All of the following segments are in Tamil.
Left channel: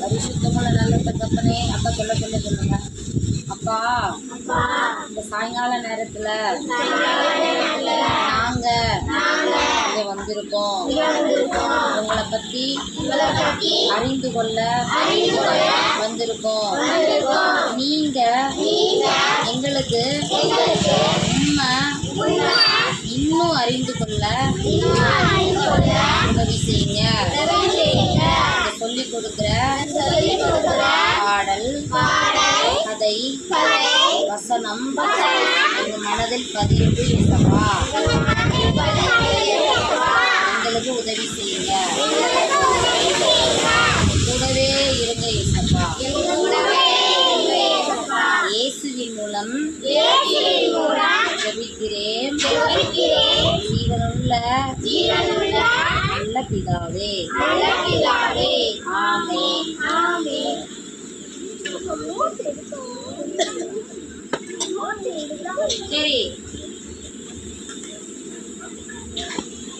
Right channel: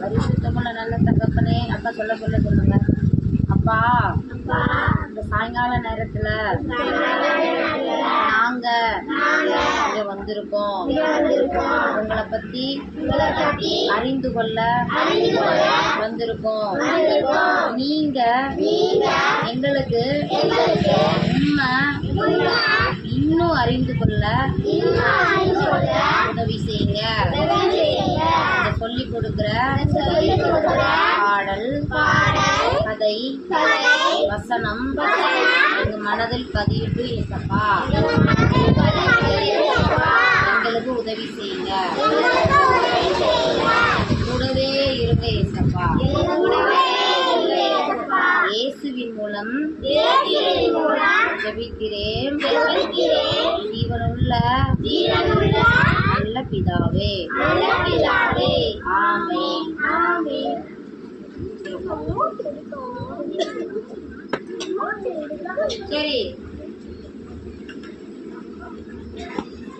பரிசுத்தமுள்ள நல்ல தகப்பனே, அப்பா சொல்லுங்க. அப்பா, இந்த சாயங்கால நேரத்துல நாங்க இங்க வந்திருக்கோம். உங்களை பத்தி அறிந்து கொள்ள வந்திருக்கோம். நீங்க எங்களுக்கு உண்மை இன்னும் அறிந்து கொள்ள உதவி செய்யுங்க. சொல்லிக் கொடுக்கிற பாடல், கதை, வசனம் எங்க மனதில் பதியுது ஏசப்பா. எங்களுக்கு உதவி செய்யுங்க. கூடவே இருங்க ஏசப்பா. இயேசுவின் மூலம் ஜெபிக்கிறேன் ஜீவனுள்ள நல்ல பிதாவே. ஆமென். சரி,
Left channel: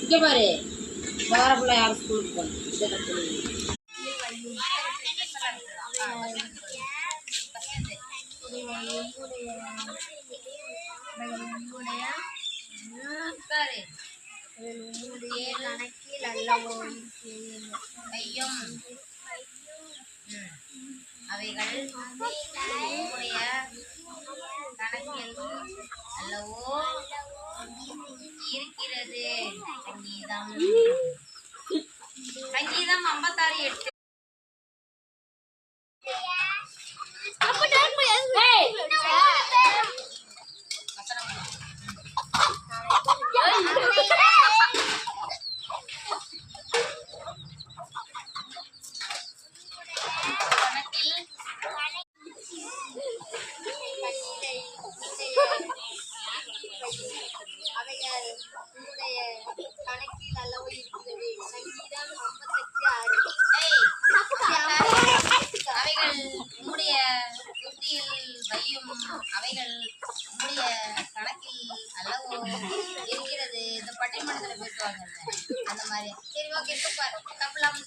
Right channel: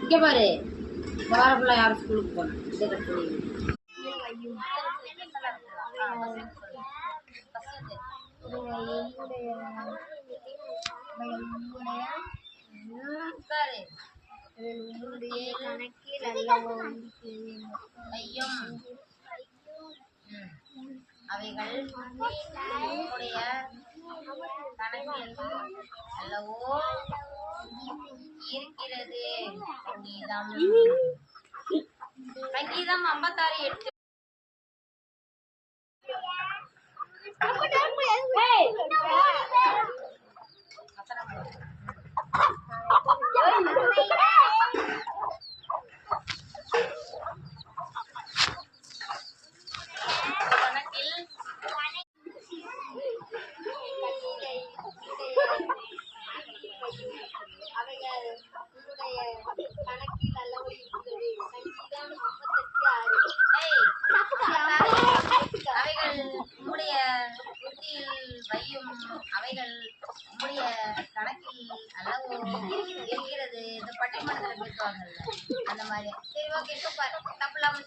இங்க பாரு, வாரப்புள்ள யாரும் ஸ்கூலுக்கு போகணும். அவைகள் உம்முடைய கணக்கில் அல்லவோ இருக்கிறது. சங்கீதம் 56:8. அவைகள் உன்னுடைய கணக்கில் அல்லவோ இருக்கிறது. சங்கீதம் 58:6. அவைகள் உம்முடைய புத்தியில் வையும், அவைகள் உம்முடைய கணக்கில் அல்லவோ இருக்கிறது. இந்த பட்டிமன்றத்தில் பேசுவாங்கல்ல, அந்த மாதிரி. சரி, ஓகே, சூப்பர். தப்பு இல்லாமல்